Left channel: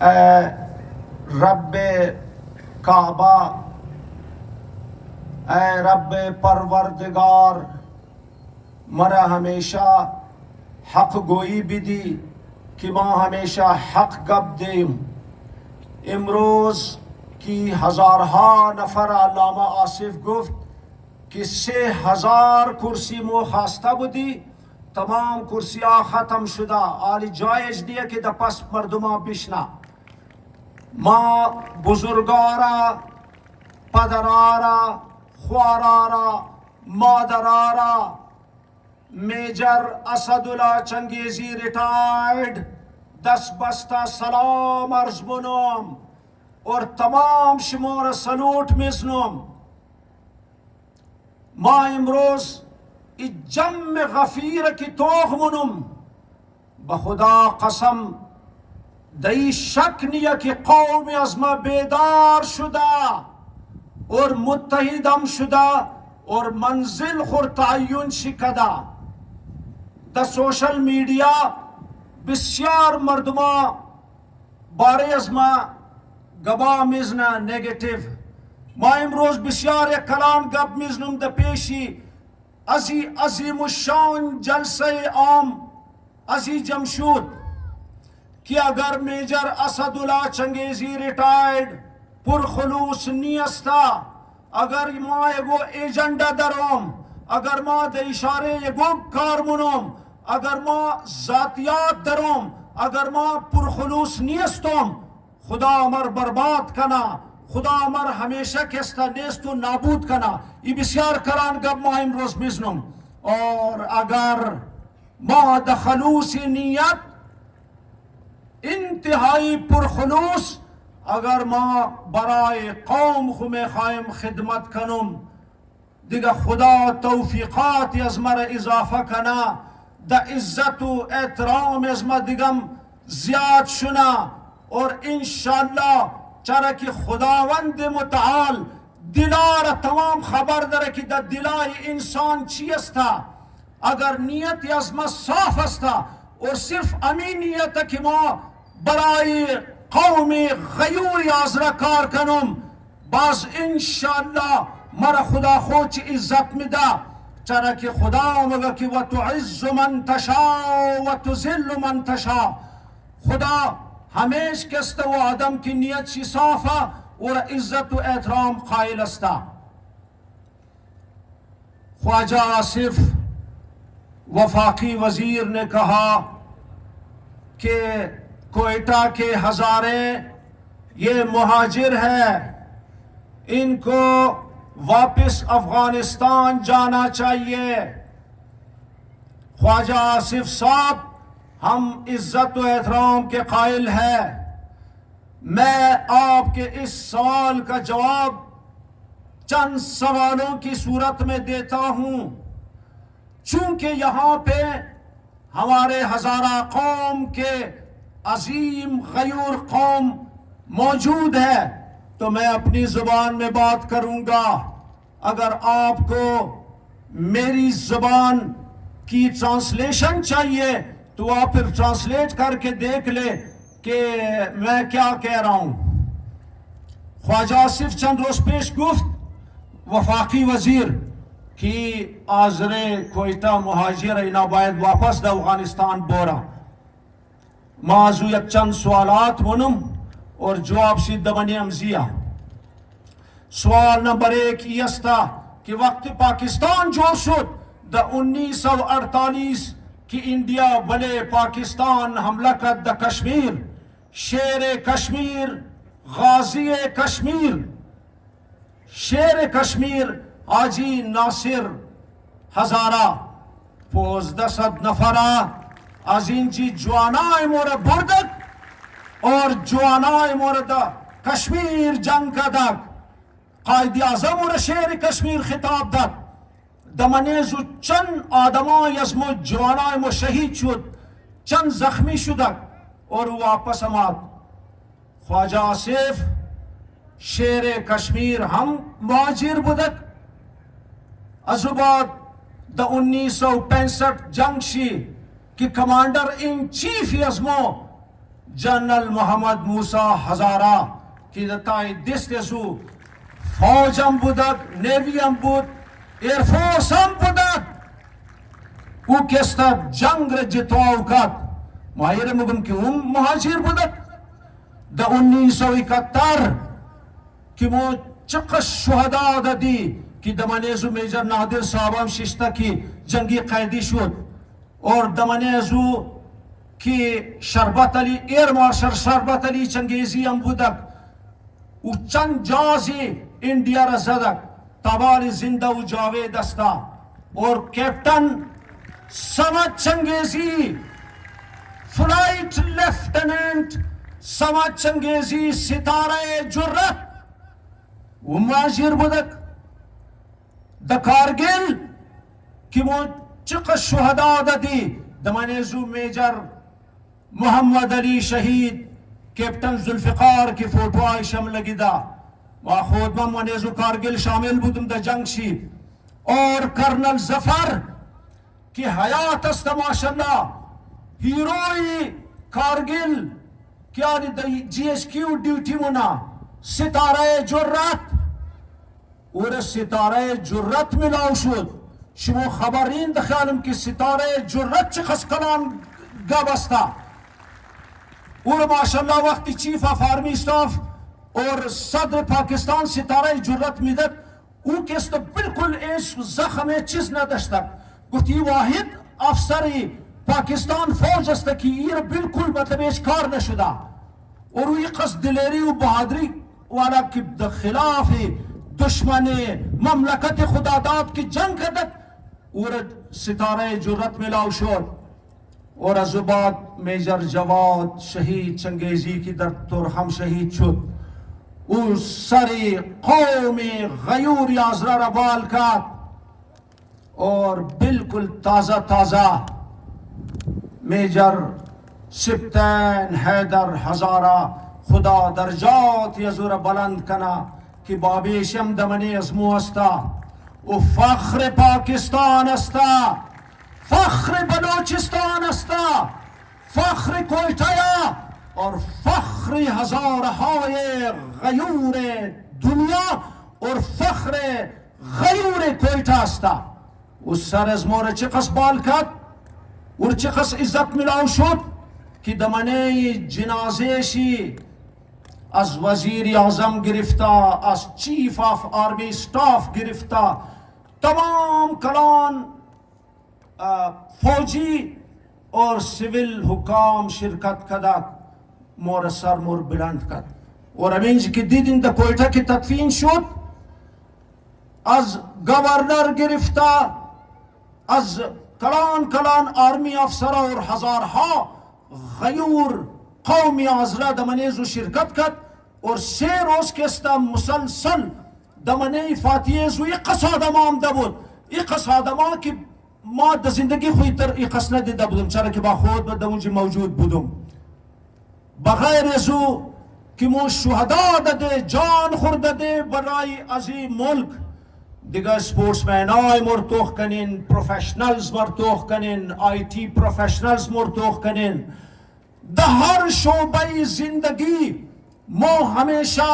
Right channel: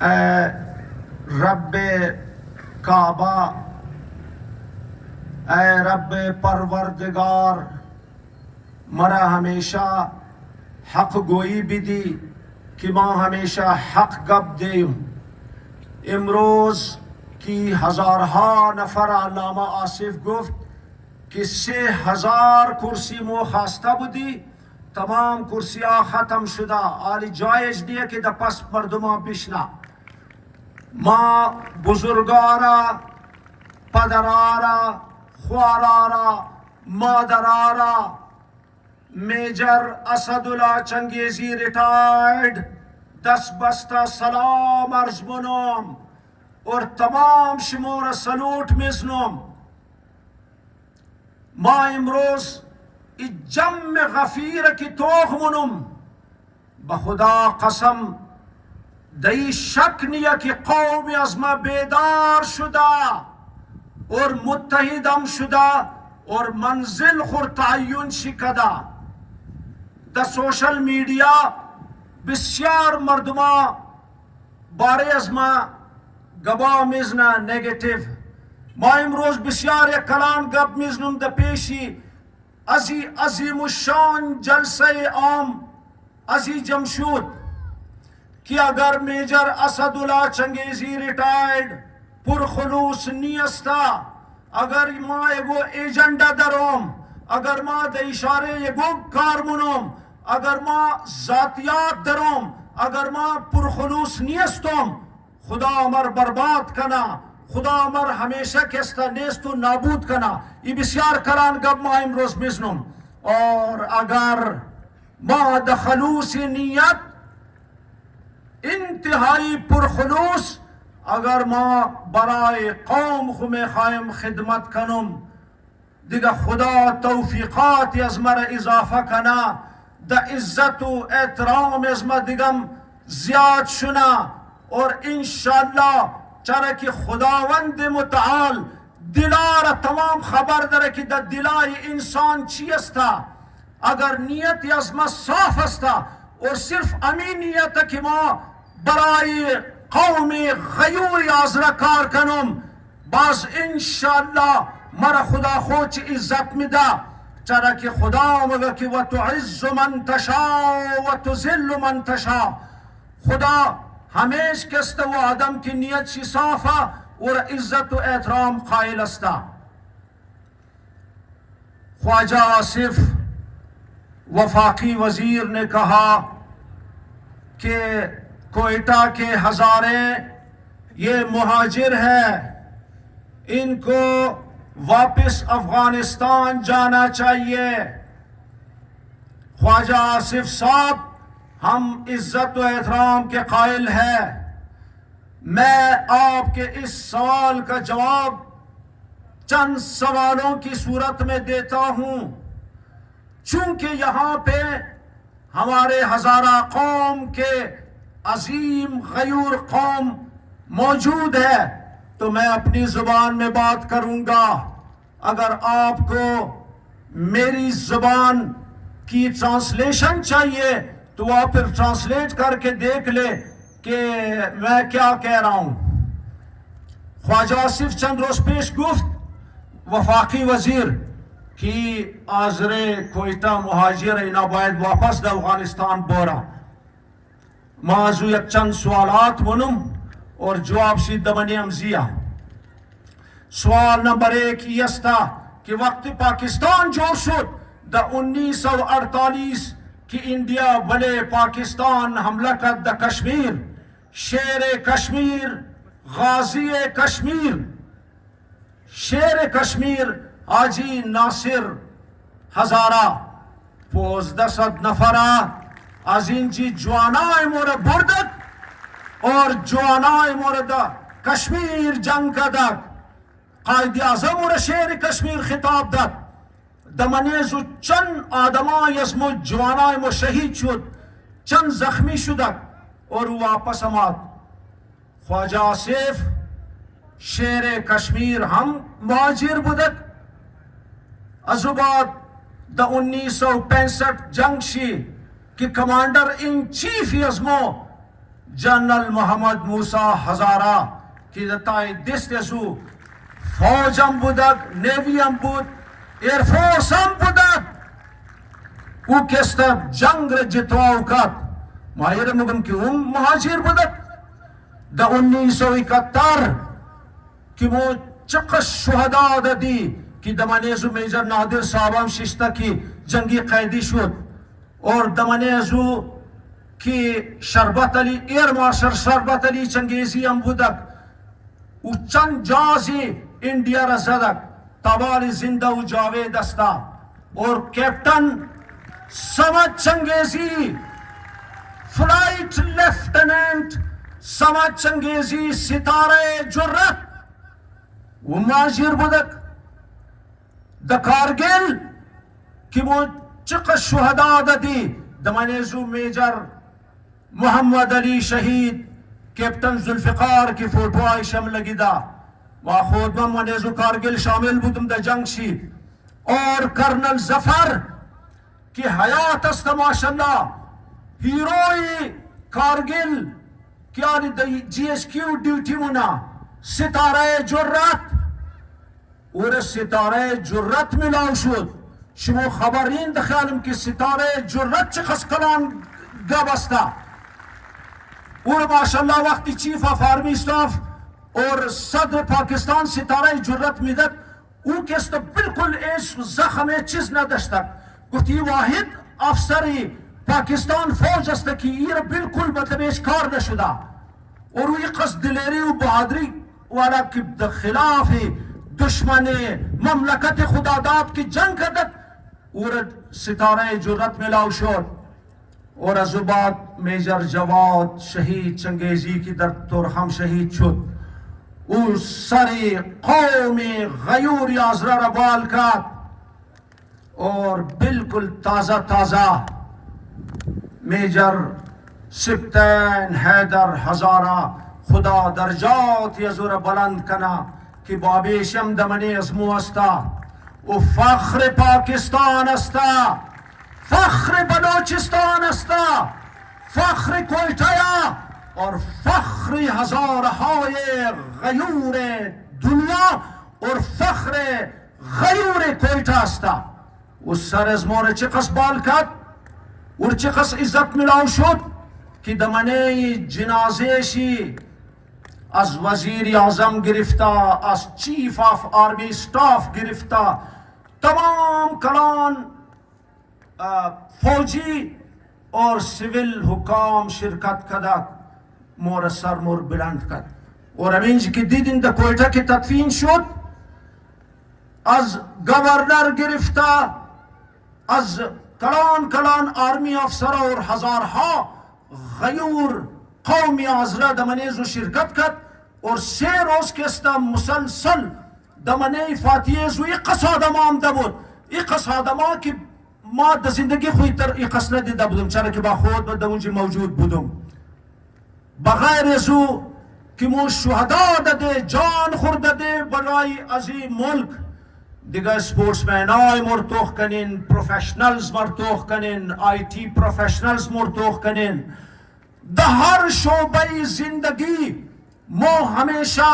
اے رب کعبہ، اے رب پروردگار، مرا ہمیشہ حق گوئی بھی دی کہ ماں ہمیشہ حق گپ دیم. امروز کی ہزارہا نفر علامہ آصف گفت کہ 3000 کرسی مو خواستہ بدی، تمام کرسیاں ختم شدہ، آلی جائز دیئے کہ دا پس مردمہ بشنا. ماں بزرگارا، پدرارا، خوارارا، مادرارا، میجر اسد اللہ چنگیزی ریٹائرڈ 10 بستہ سلام عرض منوم اور تمام شمور سلوٹ مزنوم. ما امروز جم غفیر کی توغ منم، بخدا قسم دئی شک نیا کہ قوم ازما بیدار شدہ اور متحدم شدہ اور منزل خور تعین شکدہ. دا سوشل میڈیا بسیار مردمہ بارے ازما گبا مزنا نیگیٹیو. ما امروز بسیار کلان گب مزنم دا پیشی عظیم الشان جلسہ عام عزی جمشود کہ اگر میجر اسد اللہ چنگیزی ریٹائرڈ پرخلوص نیستا، اگر ما ایگو ایجنڈا دروم، اگر ما دا اشارے ایگو کارمنوم، اگر ما ذاتیات دروم، اگر ما پرخلوص نیستم، خدا امر برباد کنا، خدا امر ہمیشہ کستا نیست و نابود کنا. یہ بسیار کلان گب ما امروز مزنم. اور اگر ما دا خلوص نیت انتہائی پرخلوص اگر ما برائے قوم خم خائم خدمت کنم، دیگه خدا توفیقات از مرا اضافه کنا، دا عزت و احترام از ما دیگم زیاد شنا. اور انشاءاللہ چرا کہ خداوند متعال دلار تمام خبر داره کہ دا دلای انسان چی استا. اگر نیت از ما صاف استا اور صرف امین نیت کہ ما برای قوم غیور آزرا کار کنم، باز انشاءاللہ مرا خدا خوچ عزت میدا. چرا کہ خدا مگا کہ وَتُعِزُّ مَن تَشَاءُ وَتُذِلُّ مَن تَشَاءُ. خدا ہمیش کستا وہ آدم کی نیت شی صافا اور عزت و احترام قائل استا. خواجہ آصف وفاقی وزیر نے کہا کہ کوئٹہ کے ہزارے یہ مہاجر ہے، ان کو واپس افغانستان جانا چاہیے. خواجہ آصف صاحب ہم عزت و احترام کے قائل ہیں. میں آپ کے اس سوال کا جواب چند سوالوں کی صورت میں دیتا ہوں. چونکہ یہاں پہ ہمارے ہزارہ قوم کے عظیم غیور قوم موجود ہے تو میں اپنی زبان میں بات کروں گا. اگر آپ کو میری زبان کی ٹرانسلیشن چاہیے تو آپ پھر ٹرانسلیٹ کر کے دیکھ لے کہ میں کیا کہہ رہا ہوں. خواجہ آصف چند روز پیش گفت وفاقی وزیر کی آزر کوئٹہ مہاجر اینا باید واپس دا افغانستان بورا. موضوع یک چند سوالات منم اور جواب شید دمانی امزیہ. سوال نمبر 1 یہ استا کہ وقت پاکستان جو شد دا 1948 کی انڈیا بلے پاکستان حملہ کر دا کشمیر، شیر کشمیر، غازی کشمیر، شیر کشمیر حاجی ناصر ہزارہ 1500 نفرہ از این جی جوانای مورد بردک اور جوانای مورد کشمیر جنگ کدک. قائد اعظم اور شیر کشمیر خطاب داد. دمنیزو چند آدمای از مو جوانای مو شہید شد، چند زخمی شدک اور واپس آمد. خواجہ آصف شیر کشمیر ہم مہاجر بودک. از بعد دا 1965 جنگ شی کہ کمانڈر ان چیف ازمو جنرل محمد موسیٰ هزاره که دتای دست ازو فوج هم بودک، نیوی هم بود، ایرفورس هم بودک. او کستا جنگ را جتواو کد. ماهیر مگم که اون مهاجر بودک. دا 1971 که مو چقدر شهدا دادی که دمانیزو میجر نادر صاحبم ششتا که جنگی قیدی شد اور دمانیزو که شربت علی ایر مارشل شربت علی چنگیزی هم بودک و چند جازی انڈیا را زدک تبال زندہ و جاوید استا اور کیپٹن سمت چنگیزی فلائٹ لیفٹننٹ سمت چنگیزی ستارہ جرت و ماجر بودک دا کارگل کی مو چقدر شہداء دادی دمانیزو میجر محمد علی شہید کیپٹن ذوالفقار کی فوٹو آئی شم لگی دا و خود من منیزو کارگل شامل بودم دا جنگ شی اور کرنل ظفر کی حیات است ماشاءاللہ ہیروئی کارگل کیا جی ایس کیو ڈیوٹی منا ستارہ جرت اور ستارہ جرت ملاو شد شما خبرین دخیالم که ستاره جرت چه خس کلان گبستا اور ماشاءاللہ وقتی چیف آف آرمی اسٹاف اور صدر پاکستان ستاره جرت میدد او کستا بالکل ایش زخم چیز نداشتک گفتی واحد افسری پاکستان فوج است که ایر بالکل مطلب ایش کار نشده اور او قصد دلیری و بہادری والا که خلاف دشمن مملکت خداداد کی جنگ کردک اور ستارہ جرت ملاو شد اور از بعد میجر جواد شہید چنگیزی کی در ترخم شہید شد او سری قوم غیور یازرہ ربال کات اور بالکل تازہ تازہ میجر سپتین حیدر ہزارہ خدا درجات یزور بلند کنا کہ بابیشم دمنی ازمو استا و فخر پاکستان استا فخر بلوچستان استا فخر کوئٹایا اور فخر ہزارهای غیور دنیا اور فخر غیور کوئٹا استا اس سر ازمون چقس بال کد اور چقس عزت ملاو شد کہ دمنی جنازے شی از وزیر اعظم گرفتا از چیف آف آرمی سٹاف گرفتا تمام کلان فوجی اور سیول حکام شرکت کدک مور سر مور بلند کد اور امینج کی دیدن دا کوئٹا کی تدفین شد از گورنر گرفتا از کلان آرمی افسر اور ہزارها غیور قومی آزرہ دمنیزو شرکت کد اور 3 روز کستا مسلسل دمنی فاتیزو اقص آدمان دا بود اقص آدمان کی ما دا زندگی خوی تر اقص ندیده بودم چرا که با خود با اونجا موجود بودم بغیر ازو که مو شهدا داده جان خورده برای ازی ملک دیگه سپورتسمن های مرتوخ کنین پروفیشنلز مرتوخ کنین آی تی پروفیشنلز مرتوخ کنین در هر شعبه زندگی ما ہمیشہ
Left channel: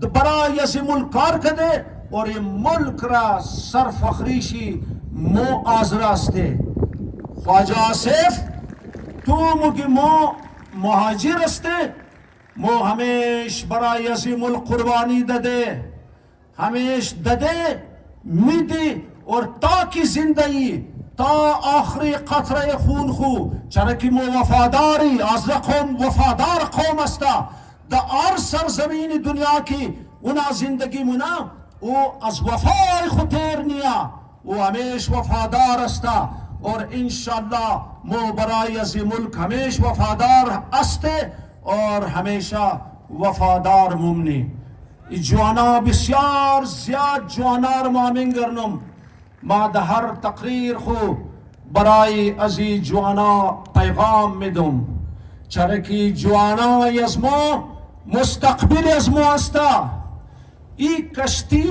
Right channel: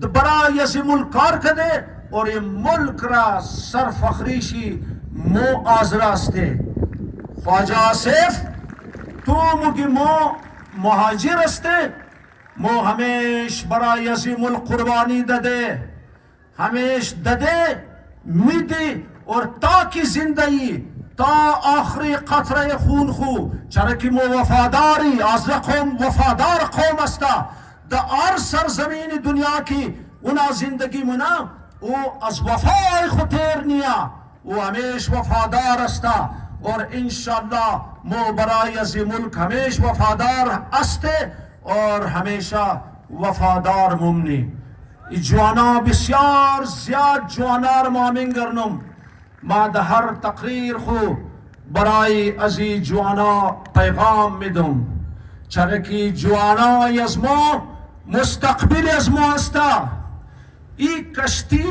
برای از ملک کار کده اور یہ ملک را سرفخریشی مو آزرا استے خواجہ آصف تو مگی مو مہاجر استے مو ہمیش برای از ملک قربانی دده ہمیش دده میدی اور تاکی زندگی تا آخری قطره خون خو چرکی مو وفاداری از قوم وفادار قوم استا دا ار سرزمین دنیا کی اونا زندگی منا او از وفای خطیر نیا او ہمیش وفادار استا اور انشاءاللہ مو برای از ملک ہمیش وفادار استے اور ہمیشہ وفادار ممنی جوانا بسیار زیاد جوانار مامن گرنم ما ده هر تقریر خو برای ازی جوانا پیغام میدم چرکی جوانا یزما مستقبل یزما استا ای کشتی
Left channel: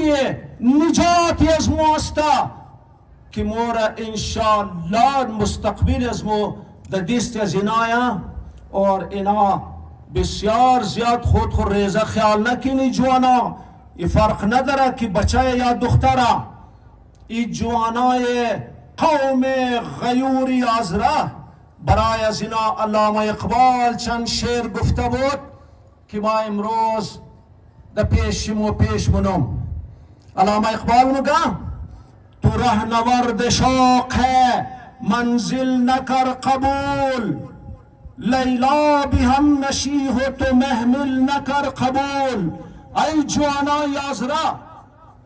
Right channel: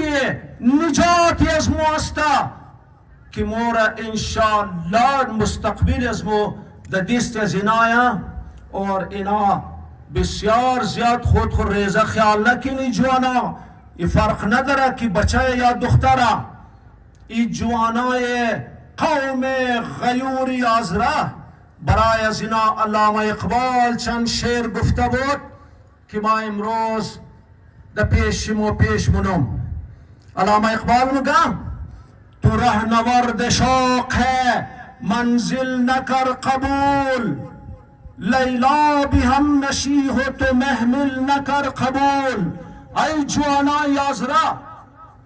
نجات یزما استا که مورا انشاءالله مستقبل یزما ده دست زنایا اور اینا بسیار زیاد خود ریزه خیال نکنی جوانا، ای فرق نداره که بچه یا دختره، ای جوانای قوم غیوری آزره. برای از اینا علامه اقبال چند شعر گفته بود که ما امروز در پیش منم. علامه اقبال میگم تو رهنورد شوق ہے منزل نکر قبول، لیلا بھی ہم نشی ہو تو محمل نکر قبول. ای جوانای آزره،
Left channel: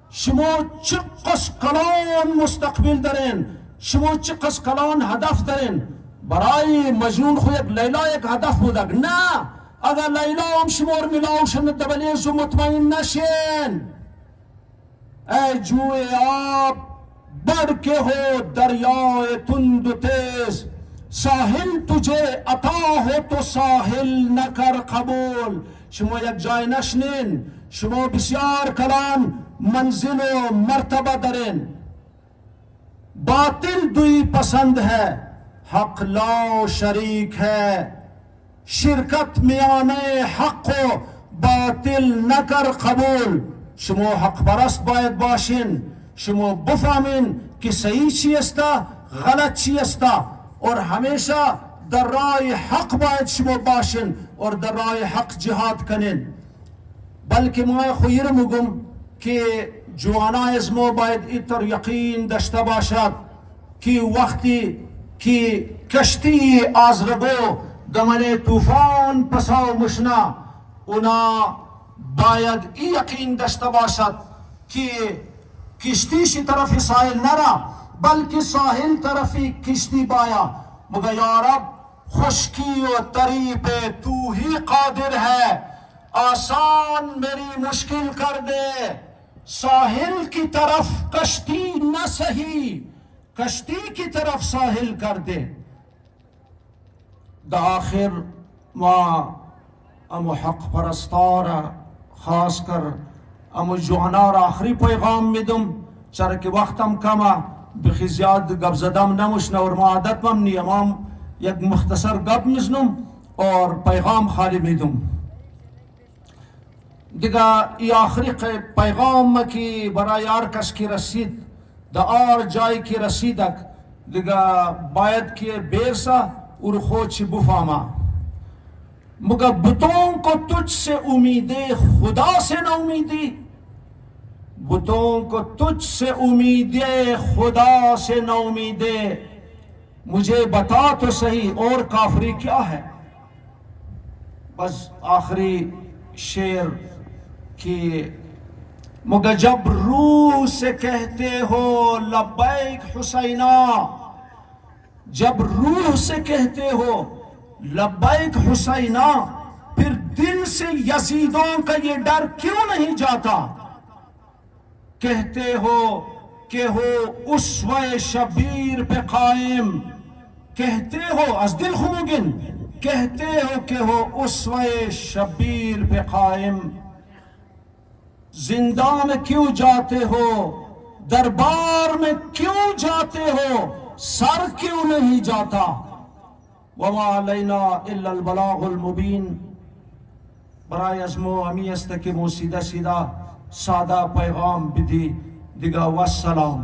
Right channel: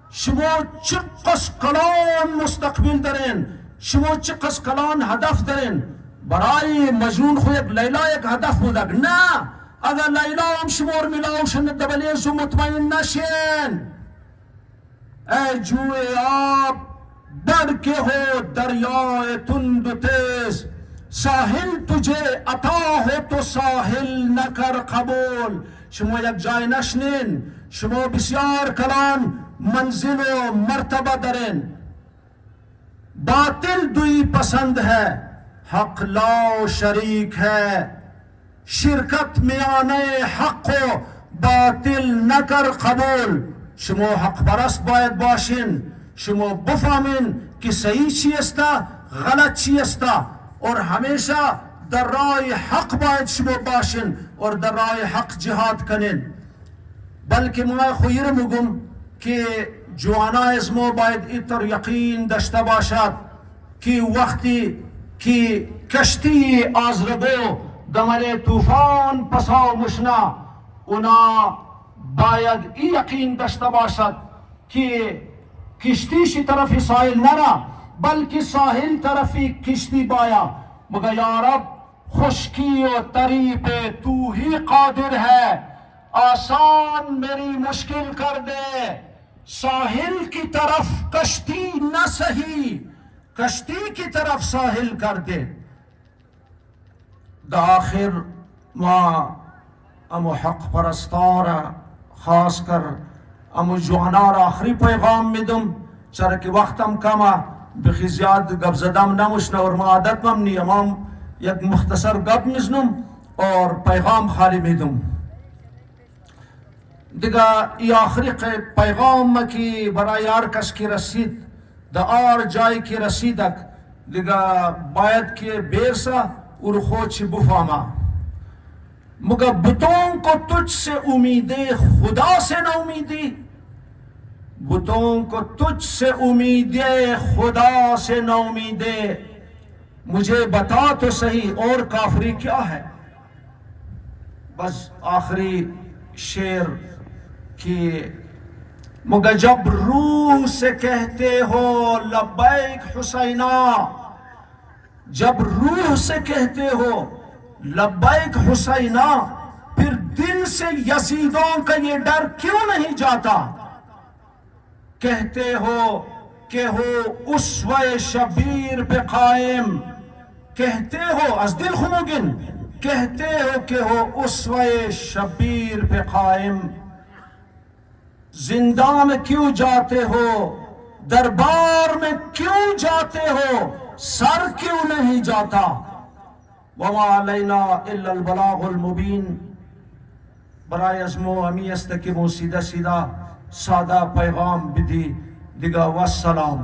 شما چقدر کلان مستقبل دارین، شما چقدر کلان هدف دارین. برای مجنون خو یک لیلا یک هدف بودک، نه اگر لیلا هم شما رو میلاو شن دبلیز و مطمئن نشین. ای جوی آب بڑکے ہو دریائے تند و تیز، ساحل تجھے عطا ہو تو ساحل نہ کر قبول. شما یک جای نشنین، شما بسیار کلان منزل و مرتبہ درین. باطل دوی پسند ہے، حق لا شریک ہے، شرکت میانه حق و باطل نکر قبول. شما حق پرست باید باشین، شما بفهمین که صحیح چی است غلط چی است، اور همیشه در راه حق باید شما باشین اور در راه حق جهاد کنین. بلکه ما خویر میگم که جوانای از ما باید ایتر یقین داشته باشد که وقتی که کشتی آزرگو گمر طوفان پسا مشنا، اونا باید این یقین داشته باشد که کشتیشی طرف ساحل نرا بلکه ساحل طرفی کشتی بایا. مگر یا رب خشکی و تری پہ تو ہی قادر ہے، آسان میری مشکل کر دے. ساحل کی طرف کشتی نہ سہی، کشتی کی طرف ساحل کر دے. دا آخر ما امو حق پرستارا خاص کر امو جوانارا آخری پیغام میدم، چرا که وقتم کمه بخی زیاد گپ زدم نموشنه اور ما عادت مم نیم، یک مختصر گپ میزنم اور پیغام خالی میدم. دیگه ای آخری پیغام که برای هر کس که رسید در هر جایی که رسیدک دیگه باید که بیرسا اور خود چی بفهمه. مگر بتوں کو تجھ سے امیدیں خدا سے نہ امیدی، بتوں کو تجھ سے امیدیں خدا سے نہ امیدیں. مجھے بتا تو صحیح اور کافری کیا ہے. بس آخری شعر کی مگر جب روح سے کہتے ہو لبیک حسینہ، جب روح سے کہتے ہو لبیک حسینہ، پھر دل سے یزیدوں کا یہ ڈر کیوں نہیں جاتا. کہتے ہو کہ ہو اسوہ شبیر پہ قائم، کہتے ہو از دل خموگن، کہتے ہو کہ ہو اسوہ شبیر پہ قائم. زندان میں کیوں جاتے ہو، دربار میں کیوں جاتے ہو، سر کیوں نہیں جاتا. وما علینا الا البلاغ المبین. برای ازمو امی است که مو سیدہ سادہ پیغام بدی دیگا. والسلام.